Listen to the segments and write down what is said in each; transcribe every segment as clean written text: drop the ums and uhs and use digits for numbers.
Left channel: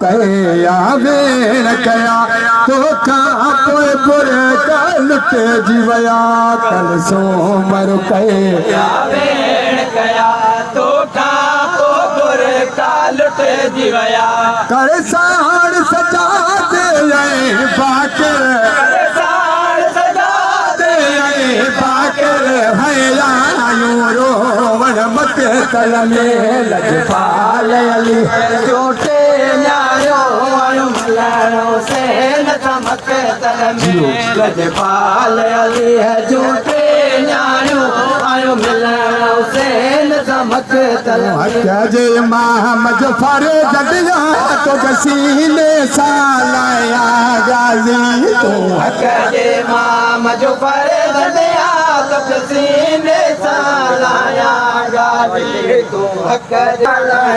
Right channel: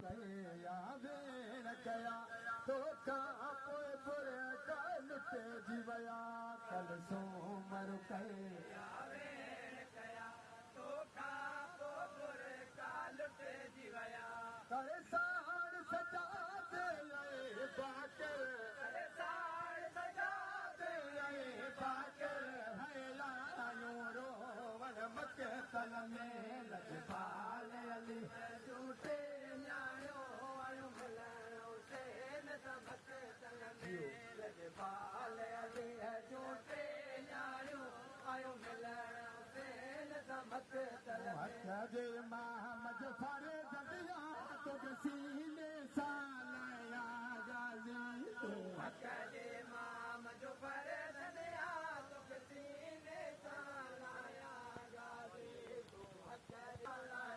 कया वेण कया तोखा पोइ बुरे का लुटे जीवया कल सोमर कया वेण कया तोखा पोइ बुरे का लुटे जीवया कर साण सजा दे बाकर साण सजा दे बाकर भैया रोवण मत तल में लजपाल अली झूठे न्यायो मलाणो से न चमक तल में लजपाल अली है झूठे न्यायो आयो मिलणो से न चमक तल हत्या जे मोहम्मद फरे जदिया तो गसीले सालाया गाजी तो हत्या जे मोहम्मद फरे जदिया तो गसीले सालाया गाजी तो हत्या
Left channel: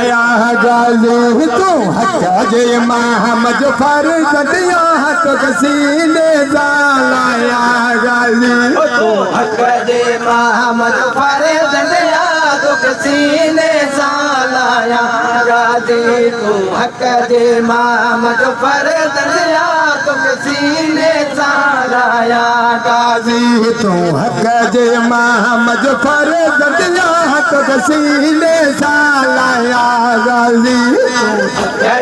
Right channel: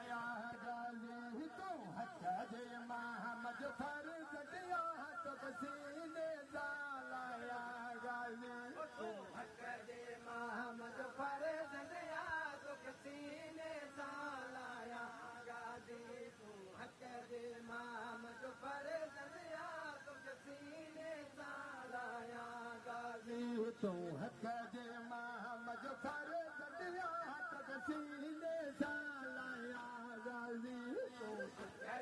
या गाजी तो हत्या जे मोहम्मद फरे जदिया तो गसीले सालाया गाजी तो हत्या जे मोहम्मद फरे जदिया तो गसीले सालाया गाजी तो हत्या जे मोहम्मद फरे जदिया तो गसीले सालाया गाजी तो हत्या जे मोहम्मद फरे जदिया तो गसीले सालाया गाजी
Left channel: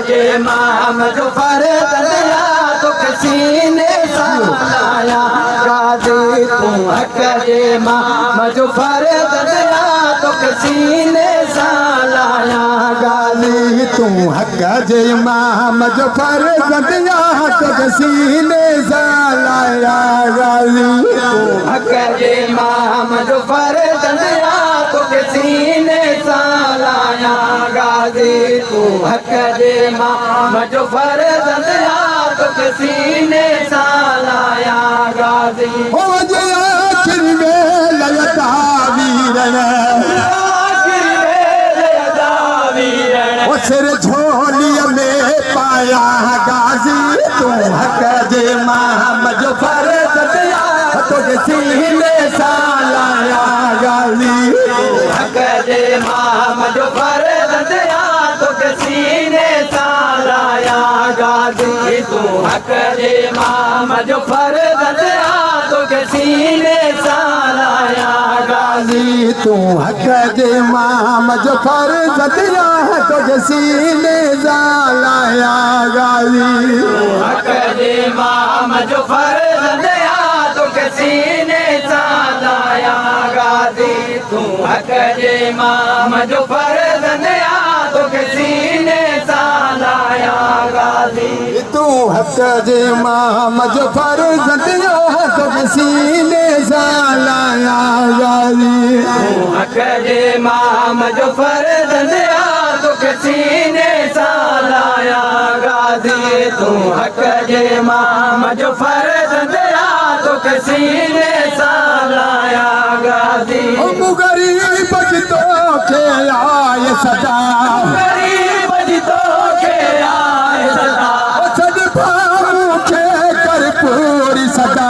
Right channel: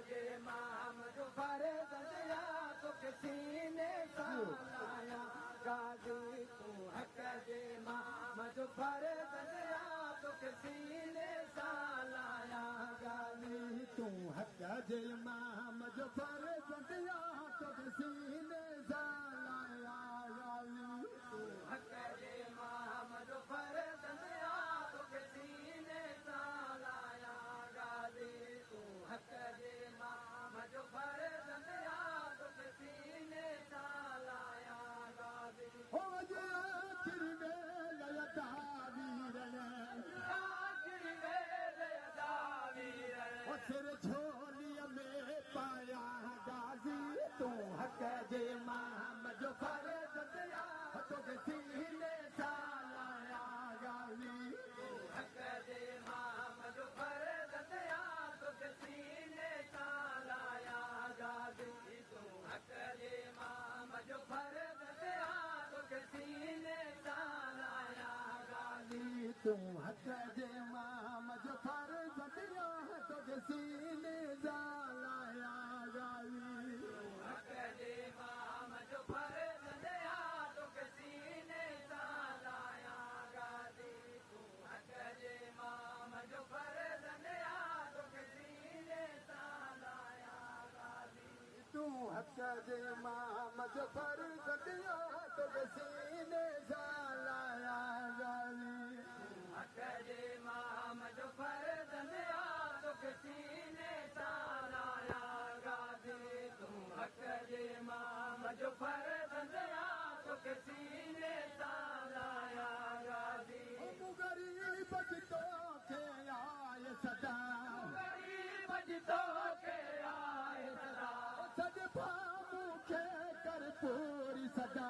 जे मोहम्मद फरे जदिया तो गसीले सालाया गाजी तो हत्या जे मोहम्मद फरे जदिया तो गसीले सालाया गाजी तू हक जे मोहम्मद फरे जदिया तो गसीले सालाया गाजी हक जे मोहम्मद फरे जदिया तो गसीले सालाया गाजी तू हक जे मोहम्मद फरे जदिया तो गसीले सालाया गाजी हो जे आखिर में लयता वीरन सिर झोलिया में पाया गाजी तू हक जे मोहम्मद फरे जदिया तो गसीले सालाया गाजी हक जे मोहम्मद फरे जदिया तो गसीले सालाया गाजी तू हक जे मोहम्मद फरे जदिया तो गसीले सालाया गाजी तू हक जे मोहम्मद फरे जदिया तो गसीले सालाया गाजी हक जे मोहम्मद फरे जदिया तो गसीले सालाया गाजी तू हक जे मोहम्मद फरे जदिया तो गसीले सालाया गाजी तू हक जे मोहम्मद फरे जदिया तो गसीले सालाया गाजी हक जे मोहम्मद फरे जदिया तो गसीले सालाया गाजी तू हक जे मोहम्मद फरे जदिया तो गसीले सालाया गाजी गरीब तो के आए सदा गरीब जितो के आए सदा सद भाऊ के कर पूरी सदा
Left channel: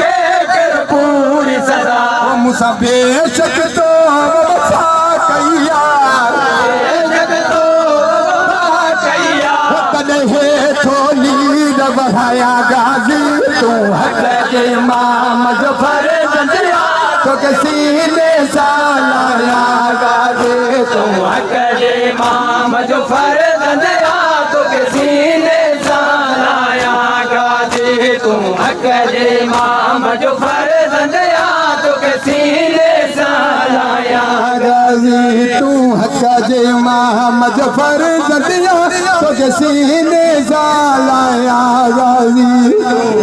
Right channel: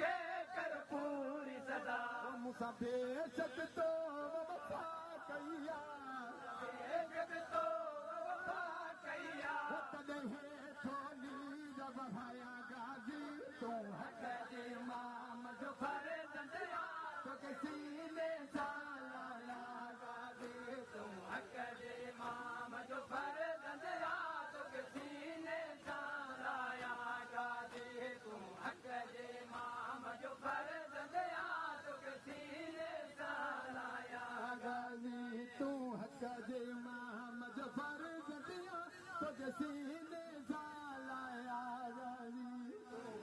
के कर पूरी सदा मुसा बेशक तो वफा कैया जगतो वफा कैया कदहे थोली बढ़ाया गाजी तू हक जे मोहम्मद फरे जदिया तो गसीले सालाया गाजी तू हक जे मोहम्मद फरे जदिया तो गसीले सालाया गाजी तू हक जे मोहम्मद फरे जदिया तो गसीले सालाया गाजी तू हक जे मोहम्मद फरे जदिया तो गसीले सालाया गाजी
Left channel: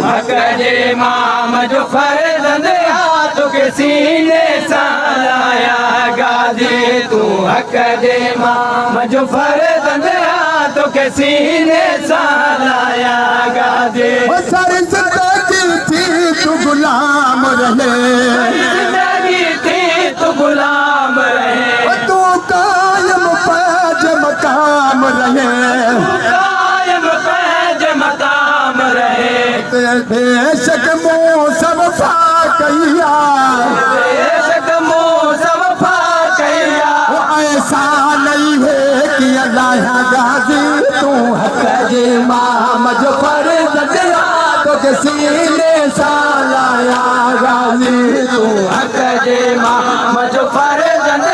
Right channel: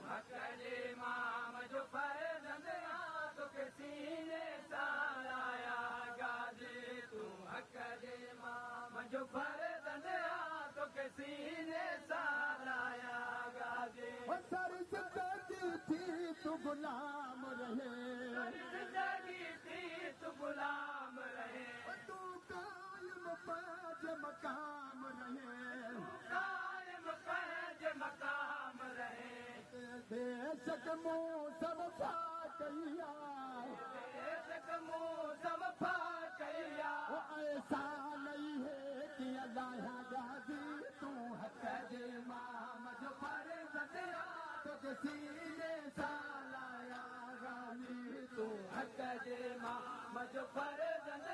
हक जे मोहम्मद फरे जदिया तो गसीले सालाया गाजी तू हक जे मोहम्मद फरे जदिया तो गसीले सालाया गाजी सारी जिंदगी थी तू गुलाम रहे जिंदगी थी तो गुलाम रहे तू कायम पैज मकाम रहे कायम पैज मकाम रहे बेशक मौसम फा कैया बेशक मौसम फा कैया ऐसा नहीं है कि अल्लाह गाजी सीने सालाया गाजी तू हक जे मोहम्मद फर्जंद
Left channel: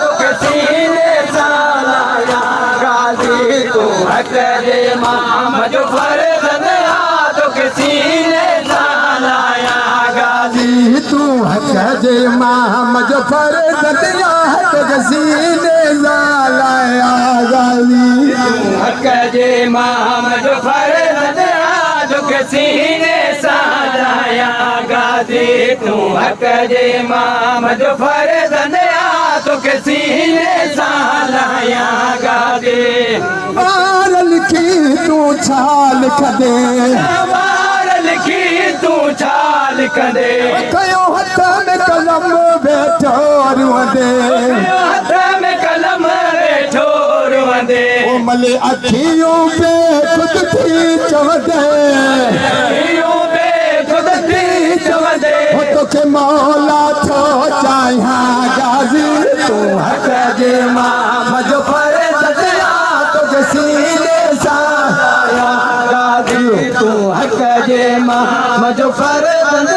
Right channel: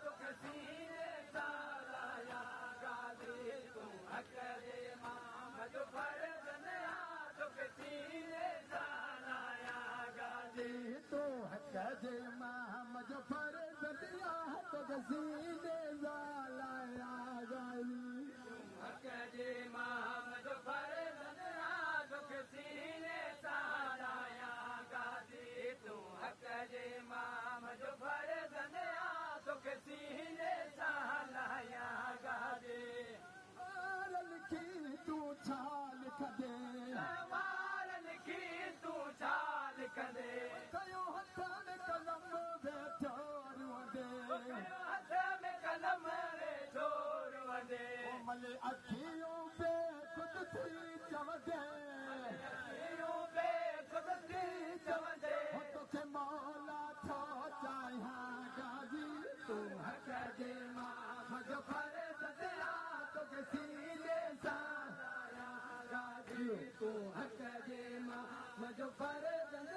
तो के सीने सालाया गाजी तू हक जे मोहम्मद फर्जंद तो के सीने सालाया गाजी तू हक जे मोहम्मद फर्जंद तो के सीने सालाया गाजी हक जे मोहम्मद फर्जंद तो के सीने सालाया गाजी तू हक जे मोहम्मद फर्जंद तो के सीने सालाया गाजी मार लिखी तू छाल खदे मार लिखी तू छाल कंदे कयो हथ में कलम बैठो रुंदे हथ में कलम वेठो रुंदे ओ मले अखियों पे खुद थी चवदे यूं बे खुद थी चवंदे हो तो के मौला थो चाहिया गाजी तू हक जे मोहम्मद फर्जंद तो के सीने साया गाजी तू हक जे मोहम्मद फर्जंद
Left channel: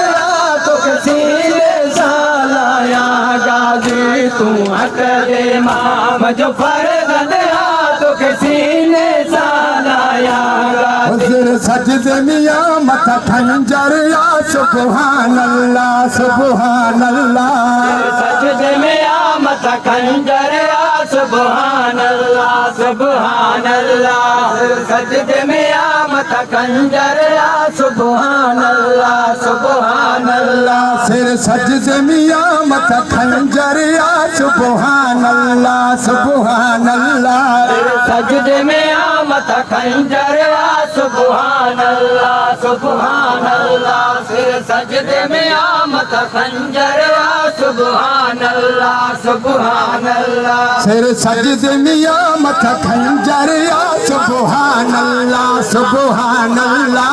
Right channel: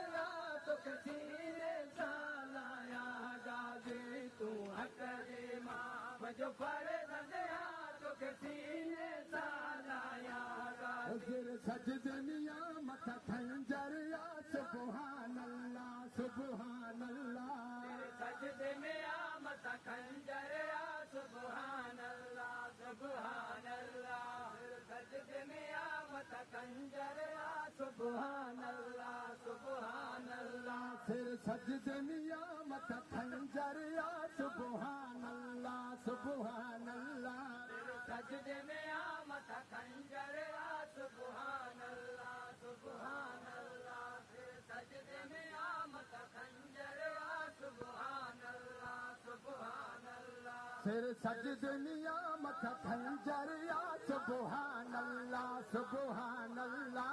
तो के सीने सालाया गाजी तू हक जे मोहम्मद फर्जंद तो के सीने सालाया गाजी हुज़ुर सजदे मियां मथा खंजर या सुभान अल्लाह सुभान अल्लाह सजदे में आमद खंजर आ सुभान अल्लाह सुभान अल्लाह सजदे में आमद खंजर आ सुभान अल्लाह सुभान अल्लाह सिर सजदे मियां मथा खंजर या सुभान अल्लाह सुभान अल्लाह सजदे में आमद खंजर आ सुभान अल्लाह सुभान अल्लाह सिर सजदे में आमद खंजर आ सुभान अल्लाह सुभान अल्लाह सिर सजदे मियां मथा खंजर या सुभान अल्लाह सुभान अल्लाह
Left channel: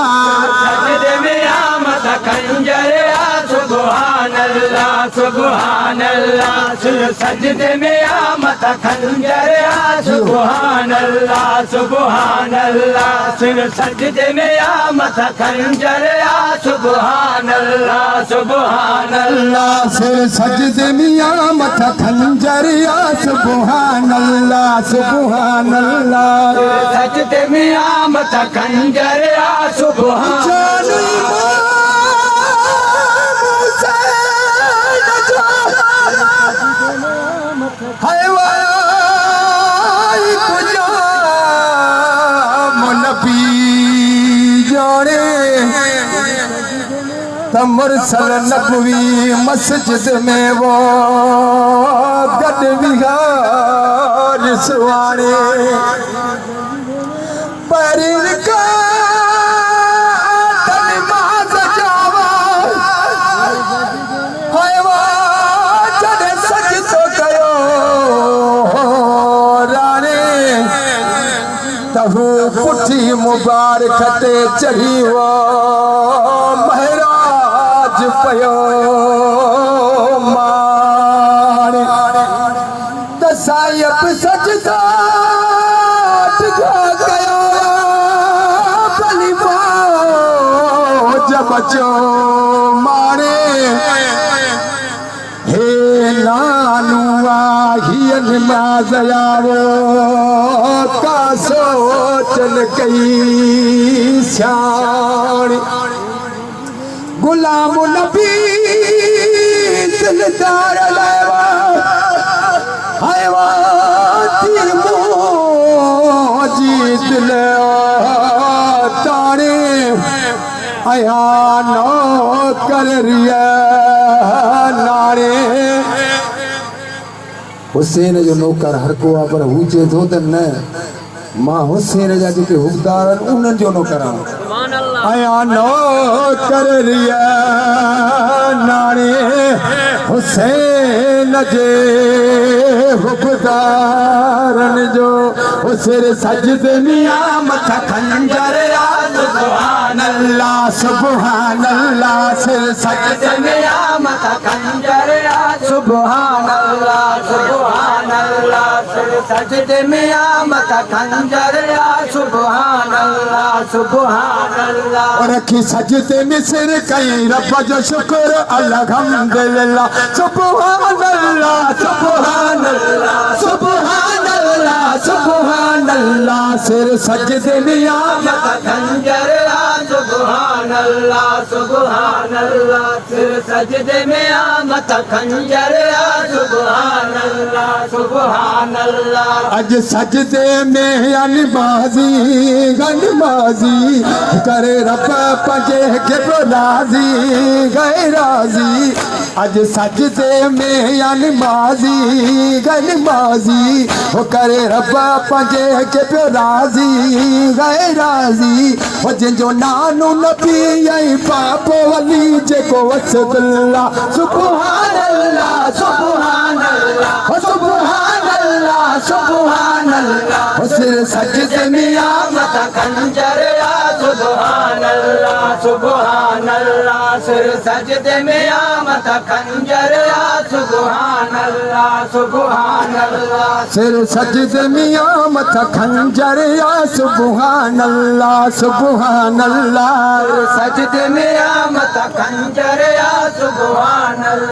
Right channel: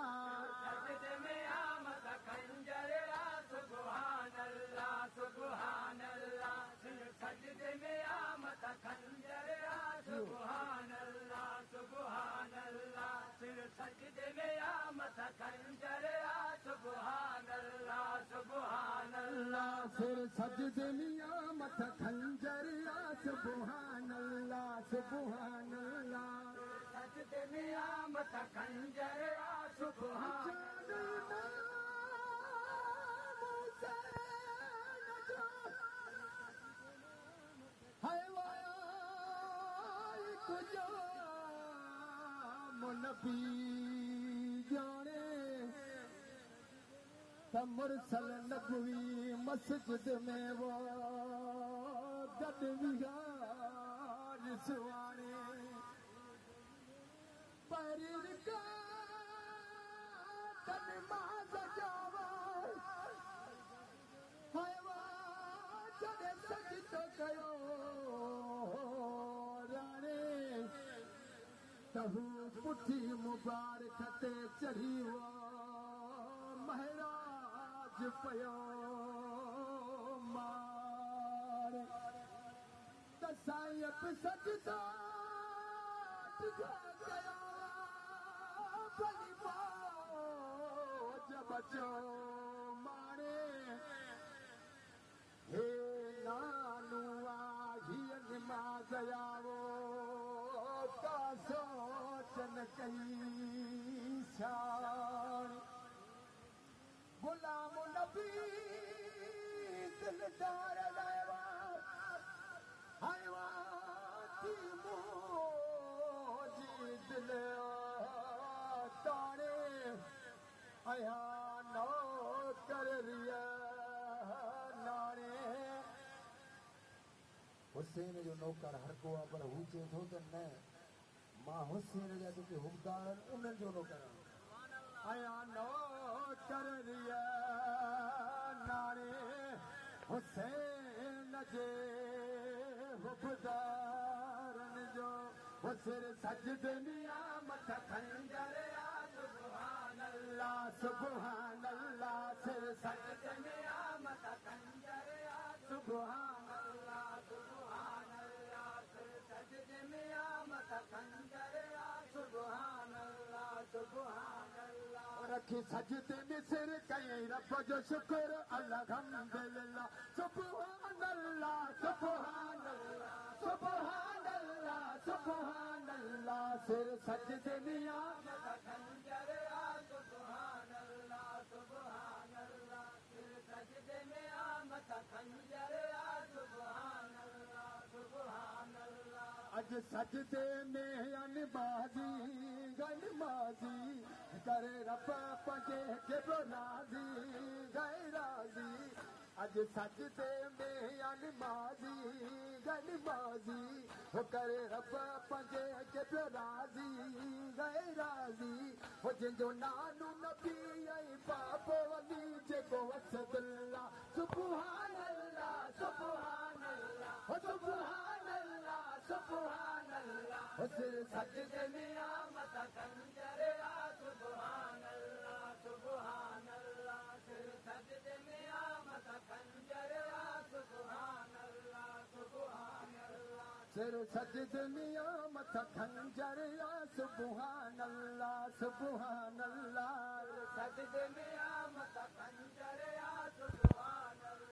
सजदे में आमद खंजर आ सुभान अल्लाह सुभान अल्लाह सिर सजदे में आमद खंजर आ सुभान अल्लाह सुभान अल्लाह सिर सजदे में आमद खंजर आ सुभान अल्लाह सुभान अल्लाह सिर सजदे मियां मथा खंजर या सुभान अल्लाह सुभान अल्लाह सजदे में आमद खंजर आ सुभान जान इमाम हुसैन जो हवाई गुलाम नबी जोड़े मुरसल नबवी मस्जिद में वो गद विहार सुवारे परिन का नमाज जावा हवा जड़े सजदो कयो राणे तहु पुठी मुबारक ते चढ़ी वो महराज पयो मारे दसायब सजदा टिका गया भली जब बचो मारे हे नानुआ ही नमाज आवो का सोचन कई श्याणी गुलाम नबी दिलदार लेवा हयवाती मोजी दिल तारे आया नो कर रिया नारे हुसैन जो नौकर हर को पर हुजे थो त न मां हुसैन जा जेके हुकदार आहिनि उन्हनि जो नौकर आहियां आया नो कर रिया नारे हुसैन जे हुकदारन जो सिर सजदे मिया मथा खंजर आ सुभान अल्लाह सुभान अल्लाह सिर सजदे मिया मथा खंजर आ सुभान अल्लाह सुभान अल्लाह सिर सजदे में आ मथा खंजर या सुभान अल्लाह सुभान अल्लाह रखी सजदे में सिर कई रब जो शुक्र अल्हम्दुलिल्लाह सुभान अल्लाह सुभान अल्लाह सुभान अल्लाह सुभान अल्लाह सिर सजदे में आ मथा खंजर या सुभान अल्लाह सुभान अल्लाह सिर सजदे में आ मथा खंजर या सुभान अल्लाह सुभान अल्लाह अज सजदे में अनबाजी गनबाजी करे रब पंजे के राजी गए राजी अज सजदे में अनबाजी गनबाजी हो करे रब पंजे के राजी गए राजी हो जिंजो नानो नबी आई पापो वली जेको वसदुल्ला सुभान अल्लाह सुभान अल्लाह सुभान अल्लाह सुभान अल्लाह सिर सजदे में आ मथा खंजर या सुभान अल्लाह सुभान अल्लाह सिर सजदे में आ मथा खंजर या सुभान अल्लाह सुभान अल्लाह सिर सजदे में आ मथा खंजर या सुभान अल्लाह सुभान अल्लाह सजदे में आ मथा खंजर या सुभान अल्लाह